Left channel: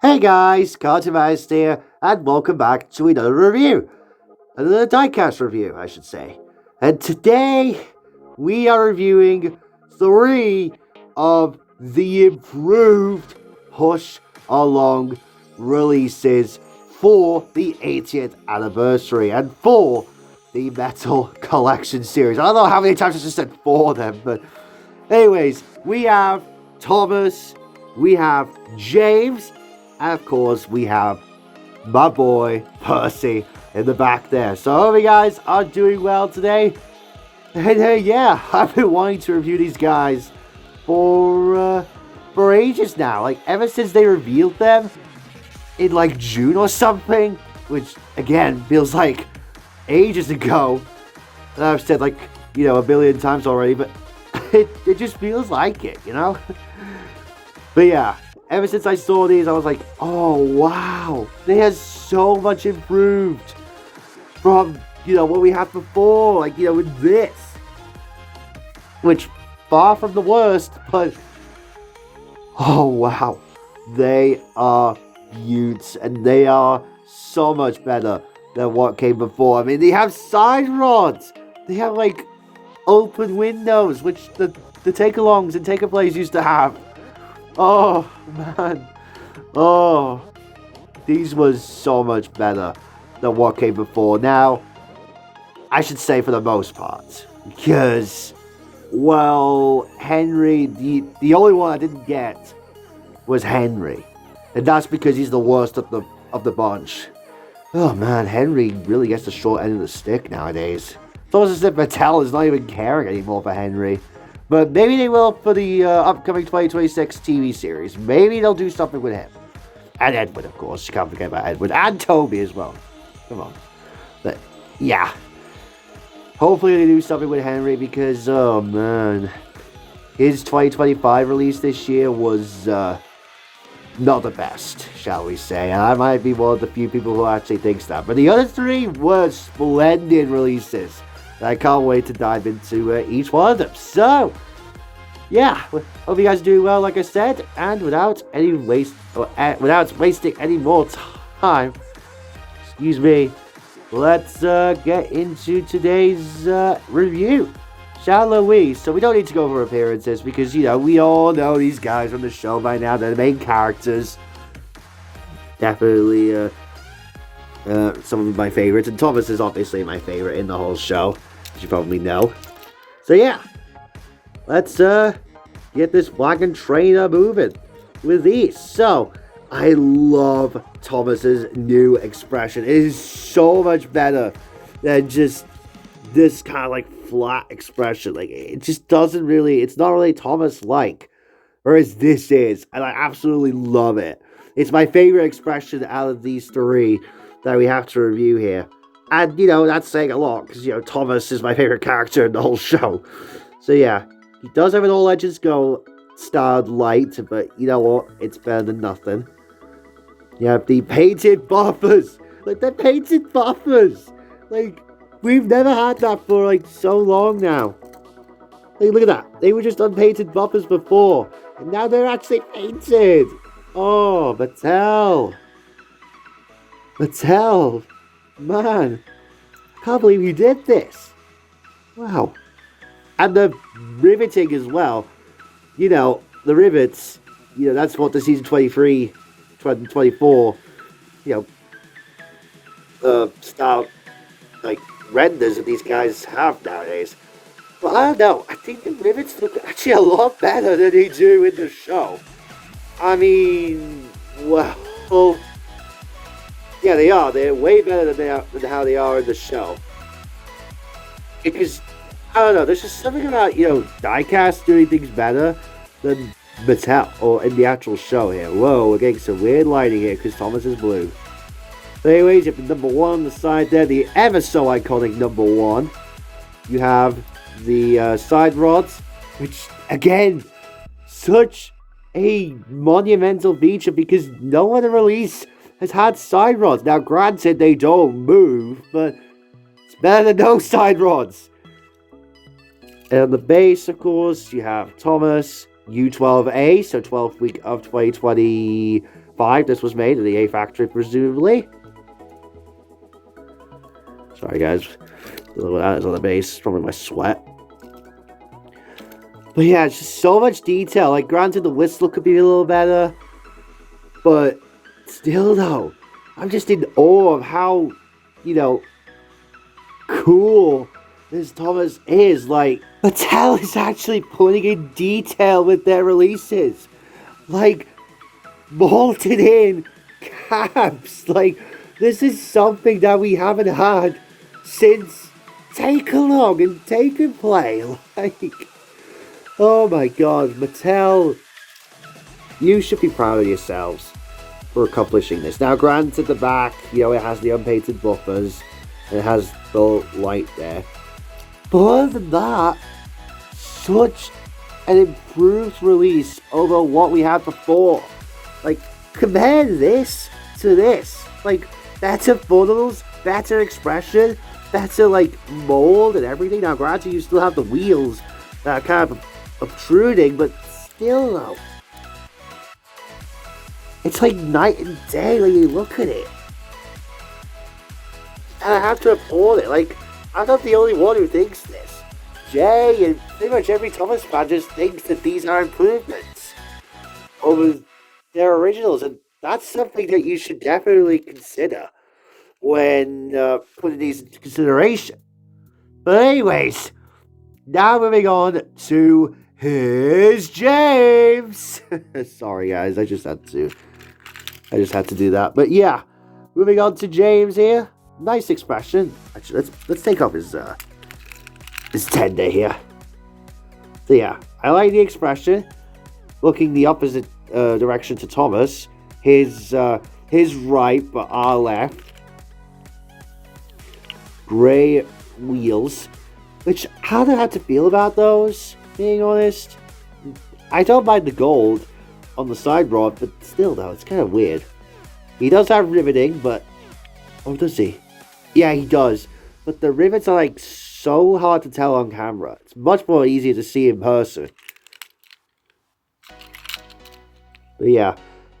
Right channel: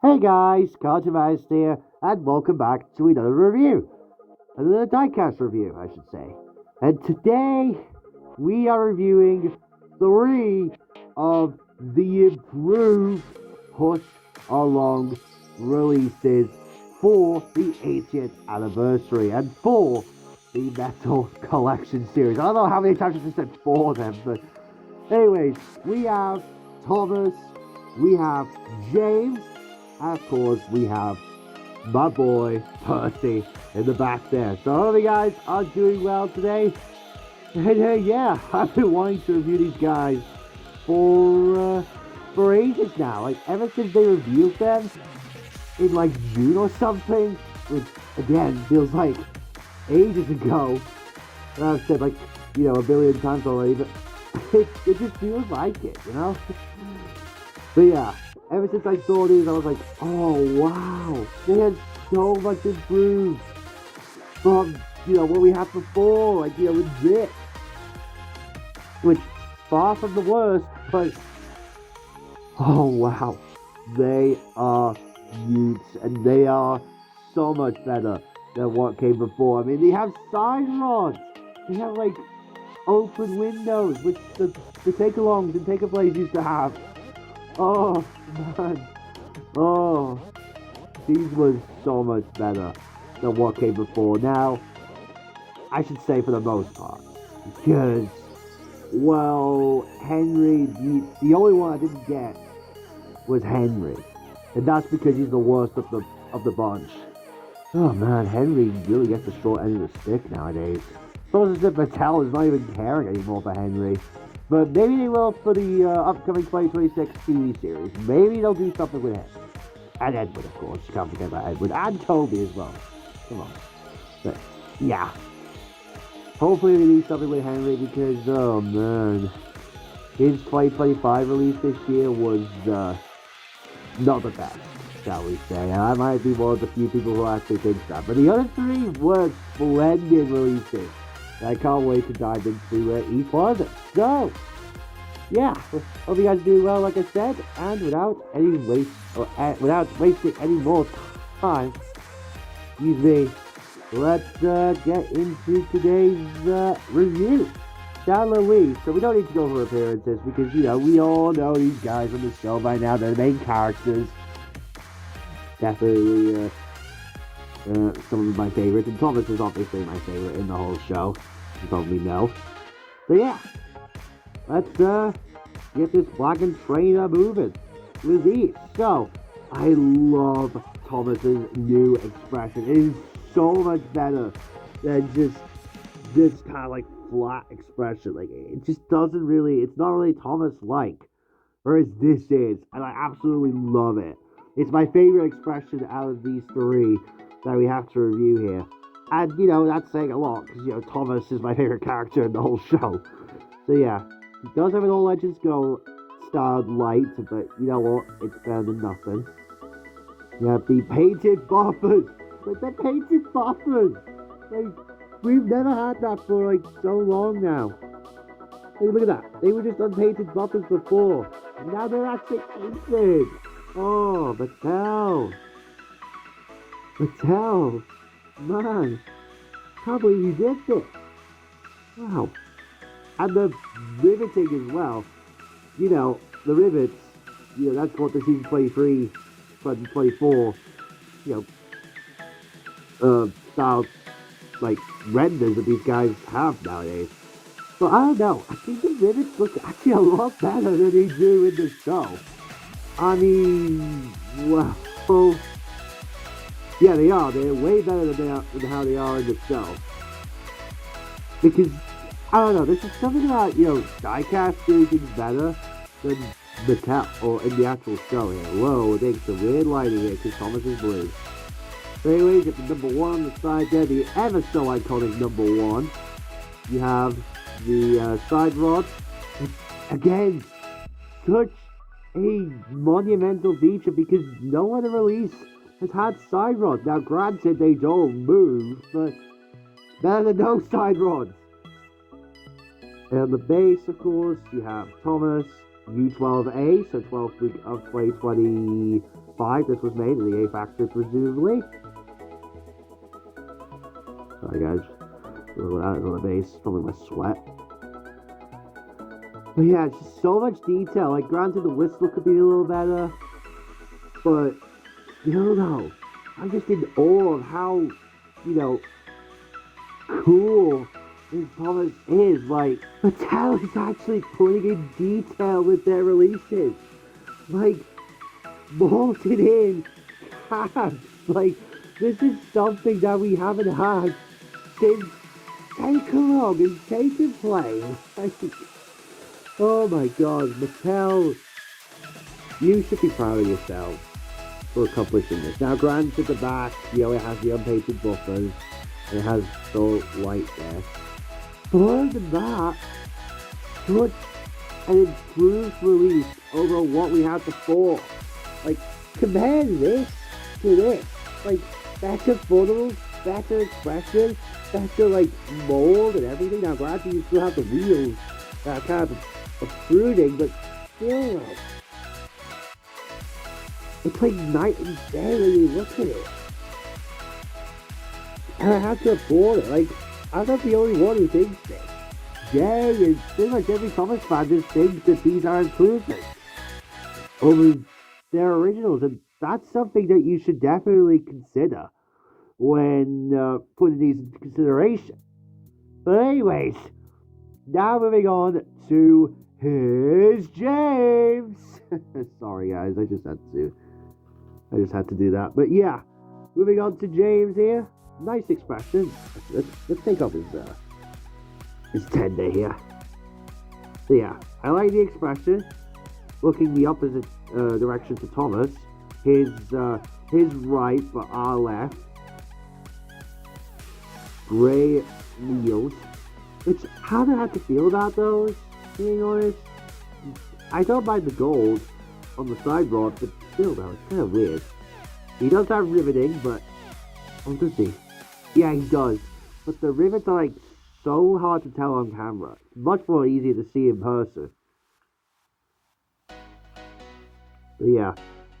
Hey guys, Cartoonist here, and welcome back to another review. Another diecast review, I should say. And today, we are reviewing 3 of the improved Push Along releases for the 80th anniversary and for the Metal Collection series. I don't know how many times I just said for them, but anyways, we have Thomas, we have James, and of course, we have my boy, Percy, in the back there. So I hope you guys are doing well today. And yeah, I've been wanting to review these guys for ages now. Like, ever since they revealed them in, like, June or something. Which, again, feels like ages ago. And I've said, like, a billion times already. But it just feels like it, But yeah. Ever since I saw these, I was like, oh, wow. They have so much improved from, what we had before. Like, with this. Which, far from the worst, but, oh, wow. They are huge, and they are so much better than what came before. I mean, they have side rods. They have, like, open windows, which the take-alongs and take-a-plays used to have. Oh, man. Oh. These was so much better than what came before. Now, I should say for the most part. Because, well, Henry, the only one I didn't get was Henry. And that's because he's the worst of the bunch. Oh, man, Henry really gets the short end of the stick nowadays. It's almost as if Mattel is not even caring anymore for Henry. But maybe they will for the upcoming 2026 TV series. Maybe they'll do something with him. And Edward, of course. You can't forget about Edward. And Toby as well. Come on. But, yeah. Hopefully they do something with Henry because, oh, man. His 2025 release this year was not the best, shall we say. And I might be one of the few people who actually thinks that. But the other 3 were splendid releases. I can't wait to dive into each one of them. So, yeah, hope you guys are doing well, like I said, and without wasting any more time, excuse me, let's get into today's review, shall we? So we don't need to go over appearances because we all know these guys from the show by now. They're the main characters. Definitely some of my favorites, and Thomas is obviously my favorite in the whole show, as you probably know. So yeah, let's get this wagon trainer moving with these. So I love Thomas's new expression. It is so much better than just this kind of like flat expression. Like, it just doesn't really, it's not really Thomas like, whereas this is, and I absolutely love it. It's my favorite expression out of these 3 that we have to review here. And, that's saying a lot, because, Thomas is my favorite character in the whole show. So, yeah, he does have an All Legends Go styled light, but you know what? It's better than nothing. You have the painted buffers. Like, they're painted buffers. Like, we've never had that for, like, so long now. Like, look at that. They were just unpainted buffers before, and now they're actually painted. Oh, Mattel. Mattel. Man. I can't believe you did this. Wow. And the riveting as well. The rivets, that's what the season 23, 24, style, like, renders that these guys have nowadays. But I don't know. I think the rivets look actually a lot better than they do in the show. I mean, well, yeah, they are. They're way better than how they are in the show. Because, I don't know, there's just something about, diecast doing things better than Mattel, or in the actual show here. Whoa, we're getting some weird lighting here because Thomas is blue. But anyways, you have the number 1 on the side there, the ever so iconic number 1. You have the side rods, which, again, such a monumental feature because no other release has had side rods. Now, granted, they don't move, but it's better than no side rods. And on the base, of course, you have Thomas, U12A, so 12th week of 2025. This was made in the A factory, presumably. Sorry, guys. A little of that is on the base, probably my sweat. But yeah, it's just so much detail. Like, granted, the whistle could be a little better, but still, though, I'm just in awe of how, cool this Thomas is. Like, Mattel is actually putting in detail with their releases. Like, bolted in caps. Like, this is something that we haven't had since Take Along and Take and Play. Like, oh my god, Mattel, you should be proud of yourselves for accomplishing this. Now, granted, at the back, it has the unpainted buffers, and it has the light there. But other than that, such an improved release over what we had before. Like, compare this to this. Like, better funnels, better expression, better, mold and everything. Now, granted, you still have the wheels that are kind of obtruding, but still, though, it's like night and day when you look at it. And I have to applaud it. Like, I'm not the only one who thinks this. Jay and pretty much every Thomas fan just thinks that these are improvements over their originals, and that's something that you should definitely consider when putting these into consideration. But anyways, now moving on to Here's James. Sorry, guys, I just had to do that. But yeah, moving on to James here. Nice expression. Actually, let's take off his tender here. So yeah, I like the expression. Looking the opposite direction to Thomas. His right, but our left. Gray wheels. Which, how do I have to feel about those, being honest? I don't mind the gold on the side rod, but still, though, it's kind of weird. He does have riveting, but... Oh, does he? Yeah, he does. But the rivets are, so hard to tell on camera. It's much more easier to see in person. But yeah,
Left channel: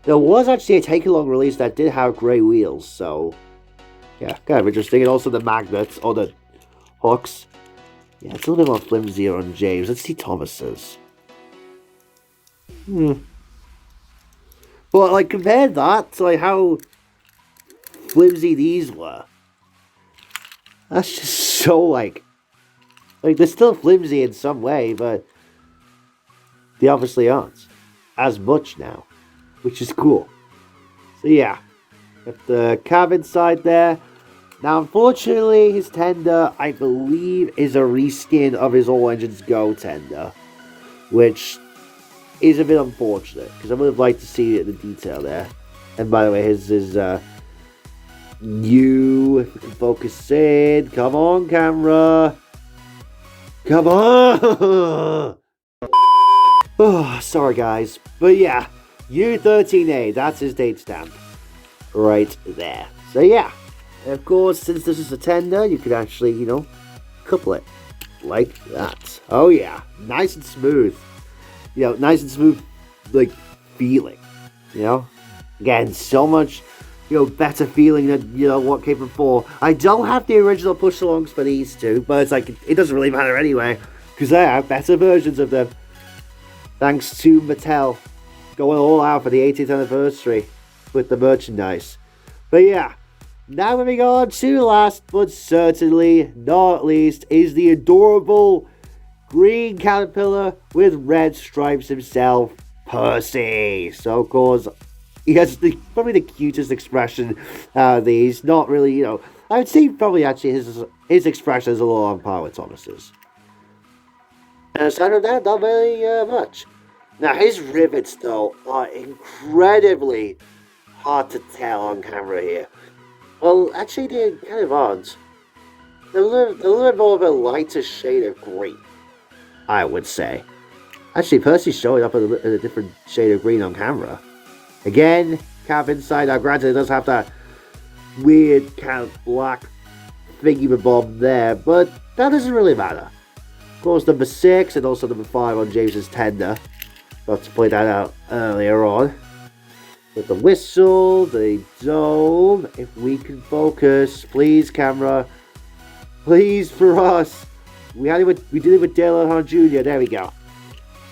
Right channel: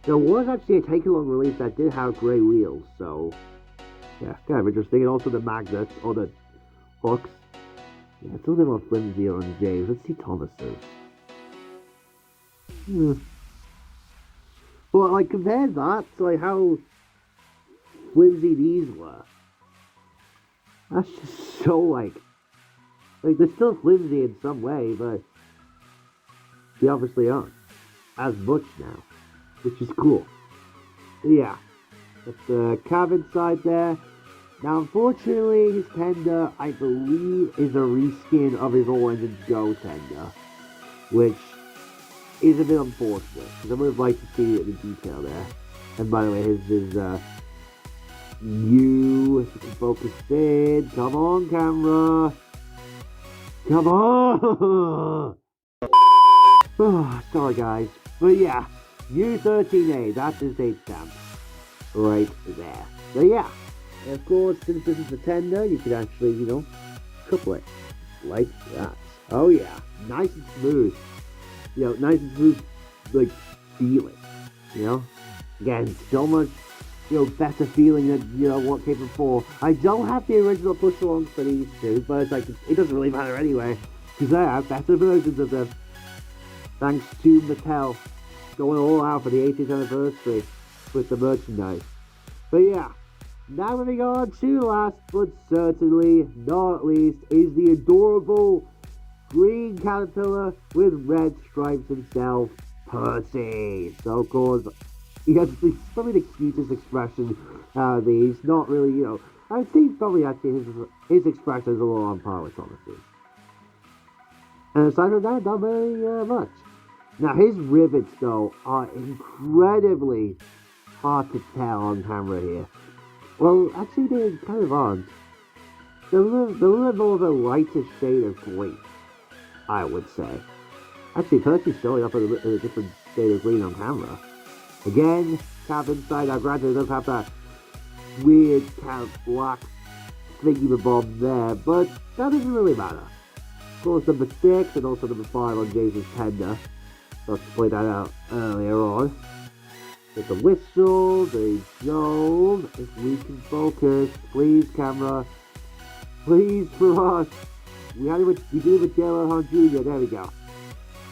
there was actually a take-along release that did have grey wheels, so... Yeah, kind of interesting. And also the magnets, or the hooks. Yeah, it's a little bit more flimsier on James. Let's see Thomas's. But, compare that to, how flimsy these were. That's just so, they're still flimsy in some way, but they obviously aren't as much now, which is cool. So, yeah, got the cab inside there. Now, unfortunately, his tender, I believe, is a reskin of his All Engines Go tender, which is a bit unfortunate, because I would have liked to see it in the detail there. And by the way, his is, if we can focus in, come on, camera, come on! Oh, sorry, guys, but yeah, U13A, that's his date stamp, right there. So yeah. And of course, since this is a tender, you can actually, couple it like that. Oh yeah, nice and smooth. Nice and smooth, feeling. Again, so much, better feeling than, what came before. I don't have the original push-alongs for these two, but it's it doesn't really matter anyway, because I have better versions of them. Thanks to Mattel going all out for the 80th anniversary with the merchandise. But yeah. Now moving on to last but certainly not least is the adorable green caterpillar with red stripes himself, Percy. So of course, he has probably the cutest expression out of these. Not really, I would say probably actually his expression is a little on par with Thomas's. And aside from that, not very much. Now his rivets though are incredibly hard to tell on camera here. Well, actually, they're kind of odd. They're a little bit more of a lighter shade of green, I would say. Actually, Percy's showing up in a different shade of green on camera. Again, Cap inside. Now, granted, it does have that weird kind of black thingy-mabob there, but that doesn't really matter. Of course, number 6 and also number 5 on James's tender. Got to point that out earlier on. With the whistle, the dome. If we can focus, please, camera. Please, for us. We did it with Dale Earnhardt Jr. There we go.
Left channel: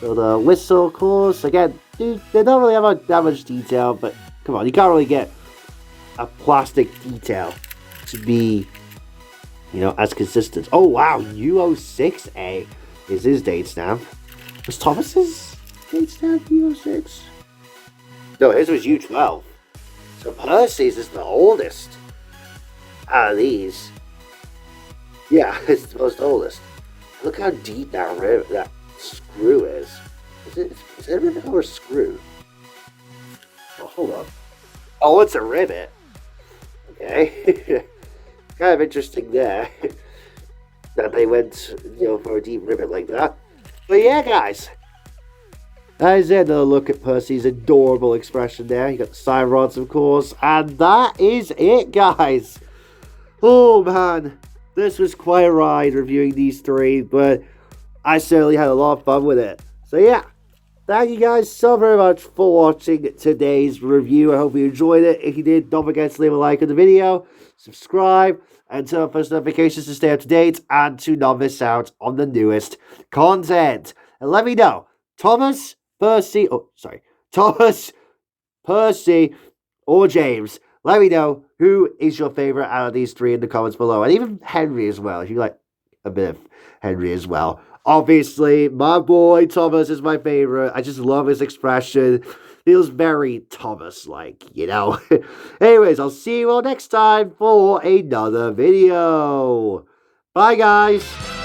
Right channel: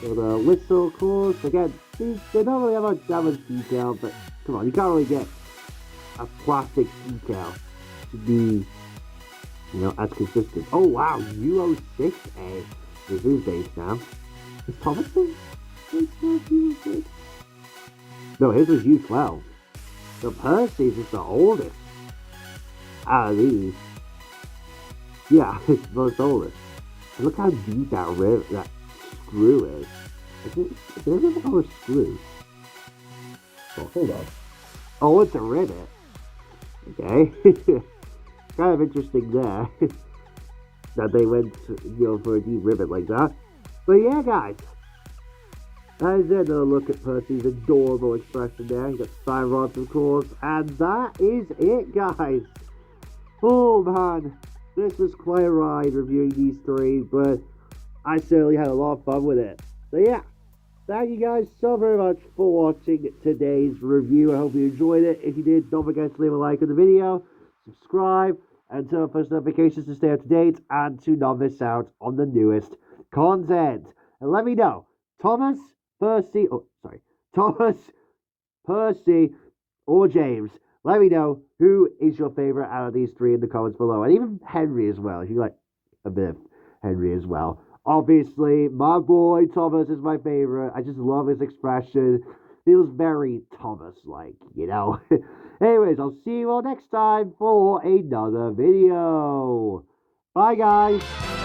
So the whistle, of course. Again, they don't really have that much detail, but come on, you can't really get a plastic detail to be, as consistent. Oh wow, U06A is his date stamp. Was Thomas's date stamp U06? No, his was U12. So Percy's is the oldest out of these. Yeah, it's the most oldest. Look how deep that screw is. Is it a rivet or a screw? Oh, hold on. Oh, it's a rivet. Okay. Kind of interesting there. That they went, for a deep rivet like that. But yeah, guys. That is it. Another look at Percy's adorable expression there. You got the sign rods, of course. And that is it, guys. Oh, man. This was quite a ride reviewing these 3, but I certainly had a lot of fun with it. So yeah, thank you guys so very much for watching today's review. I hope you enjoyed it. If you did, don't forget to leave a like on the video, subscribe, and turn on post notifications to stay up to date and to not miss out on the newest content. And let me know, Thomas, Percy, or James. Let me know who is your favorite out of these 3 in the comments below. And even Henry as well, if you like a bit of Henry as well. Obviously, my boy Thomas is my favorite. I just love his expression. Feels very Thomas-like, Anyways, I'll see you all next time for another video. Bye, guys.